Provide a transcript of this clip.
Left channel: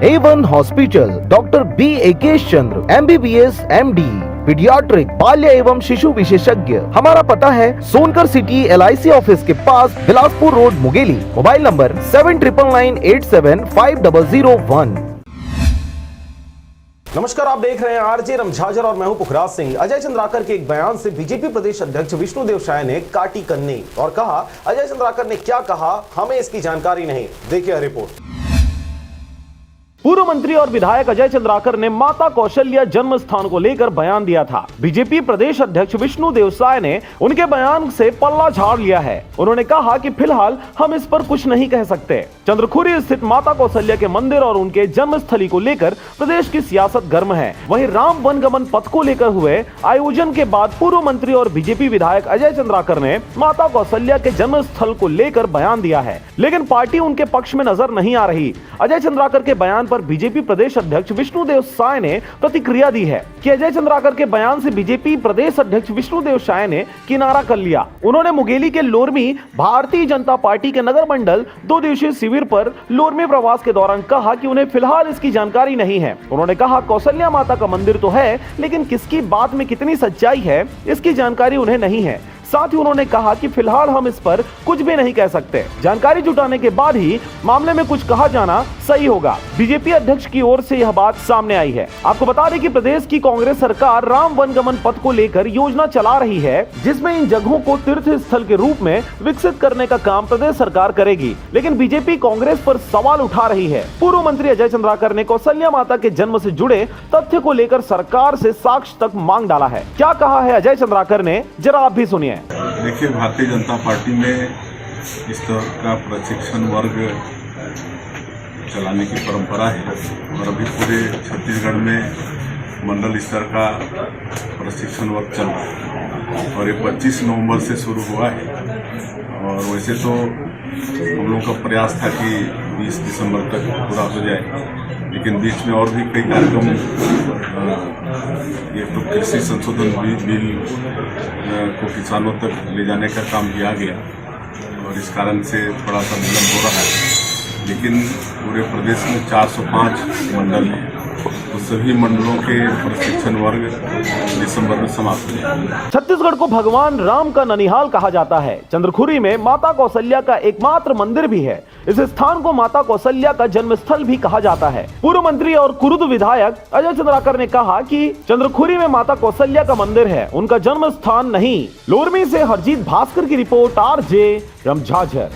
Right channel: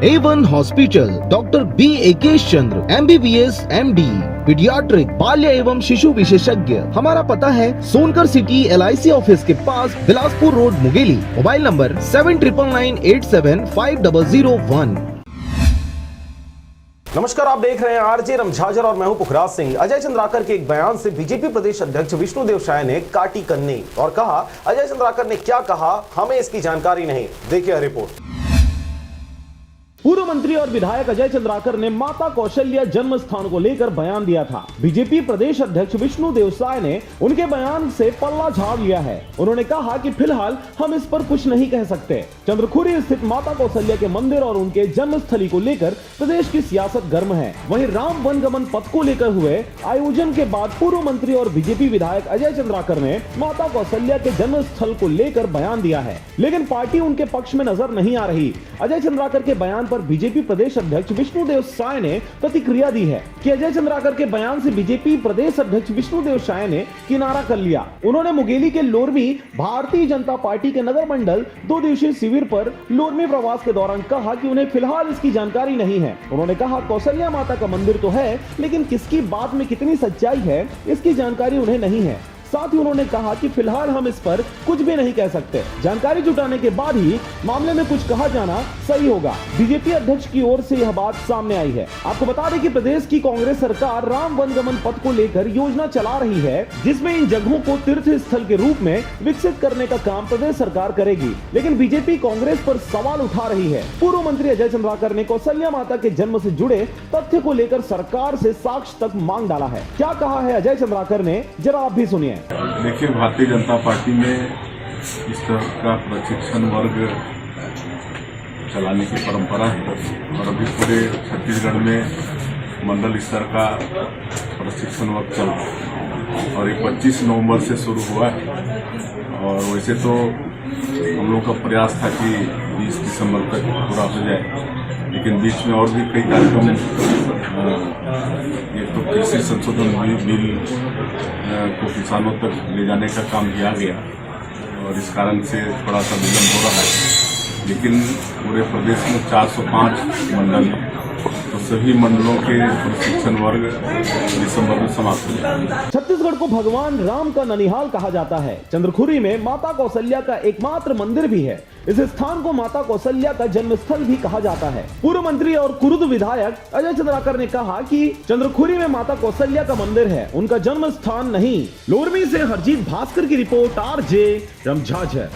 A1 hospital, doctor B एकेश चंद्र, MBBS MD, paediatric, बाल्य एवं शिशु विशेषज्ञ। हमारा पता है सोनकर सिटी LIC ऑफिस के पास, Bilaspur road, Mungeli. Mobile number 7999875001। नमस्कार, आप देख रहे हैं आरजे रमझाजर और मैं हूं पुखराज सिंह। अजय चंद्राकर के एक बयान से बीजेपी प्रदेश अध्यक्ष विष्णुदेव साय ने काटी कन्नी और कहा, अजय चंद्राकर ने क्या कहा हमें इसकी जानकारी नहीं। देखिए रिपोर्ट। पूर्व मंत्री और विधायक अजय चंद्राकर ने माता कौशल्या जन्म स्थान को लेकर बयान दिया था। बीजेपी प्रदेश अध्यक्ष विष्णुदेव साय ने उनके बयान से पल्ला झाड़ लिया है। उन्होंने कहा कि फिलहाल हम इस पर कुछ नहीं कह सकते। चंद्रखुरी स्थित माता कौशल्या के मंदिर और उनके जन्मस्थली को लेकर प्रदेश की सियासत गर्म है। वहीं राम वनगमन पथ को लेकर हुए आयोजन के बाद पूर्व मंत्री और बीजेपी विधायक अजय चंद्राकर ने माता कौशल्या के जन्म स्थल को लेकर बयान दिया है, लेकिन पार्टी उनके पक्ष में नजर नहीं आ रही। अजय चंद्राकर के बयान पर बीजेपी प्रदेश अध्यक्ष विष्णुदेव साय ने प्रतिक्रिया दी है कि अजय चंद्राकर के बयान से बीजेपी प्रदेश अध्यक्ष विष्णुदेव साय ने किनारा कर लिया। उन्होंने मुंगेली के लोरमी भारतीय जनता पार्टी के नगर मंडल 2 दिवसीय शिविर पर लोरमी प्रवास के दौरान कहा कि उन्हें फिलहाल इसकी जानकारी नहीं है। उन्होंने कहा, कौशल्या माता का मंदिर तो है, लेकिन किसकी बात में कितनी सच्चाई है इसकी जानकारी उन्हें नहीं है। साथ ही उन्होंने कहा कि फिलहाल हम इस पर कुछ भी नहीं कह सकते। जानकारी जुटाने के बाद ही मामले में कुछ कहा जाना सही होगा। बीजेपी अध्यक्ष की ओर से यह बात सामने आई है। आपको बता दें कि प्रदेश की कांग्रेस सरकार राम वनगमन पथ को लेकर योजना चला रही है, जिसमें इन जगहों को तीर्थ स्थल के रूप में विकसित करने का काम प्रदेश सरकार करेगी। लेकिन बीजेपी कांग्रेस पर सवाल उठा रही है। पूर्व मंत्री अजय चंद्राकर ने कौशल्या माता के जन्म से जुड़े तथ्य को लेकर सरकार से साक्ष्य तक मांग डाला है। क्या कहा है अजय चंद्राकर ने, जरा आप भी सुनिए। देखिए, भारतीय जनता पार्टी में इस तरह का प्रशिक्षण वर्ग चलाने की परंपरा है और अभी पूरे छत्तीसगढ़ में मंडल स्तर का प्रशिक्षण वर्ग चल रहा है और ये 25 नवंबर से शुरू हुआ है। और वैसे तो हम लोग का प्रयास था कि 20 दिसंबर तक पूरा हो जाए, लेकिन बीच में और भी कई कार्यक्रम, ये तो कृषि संशोधन बिल को किसानों तक ले जाने का काम किया गया और इस कारण से थोड़ा सा विलम्ब हो रहा है। लेकिन पूरे प्रदेश में 405 मंडल हैं, तो सभी मंडलों के प्रशिक्षण वर्ग दिसंबर में समाप्त हो जाएंगे। छत्तीसगढ़ को भगवान राम का ननिहाल कहा जाता है। चंद्रखुरी में माता कौशल्या का एकमात्र मंदिर भी है। इस स्थान को माता कौशल्या का जन्मस्थल भी कहा जाता है। पूर्व मंत्री और कुरुद विधायक अजय चंद्राकर ने कहा कि चंद्रखुरी में माता कौशल्या का मंदिर है, उनका जन्म स्थान नहीं। लोरमी से हरजीत भास्कर की रिपोर्ट, आरजे रमझाजर।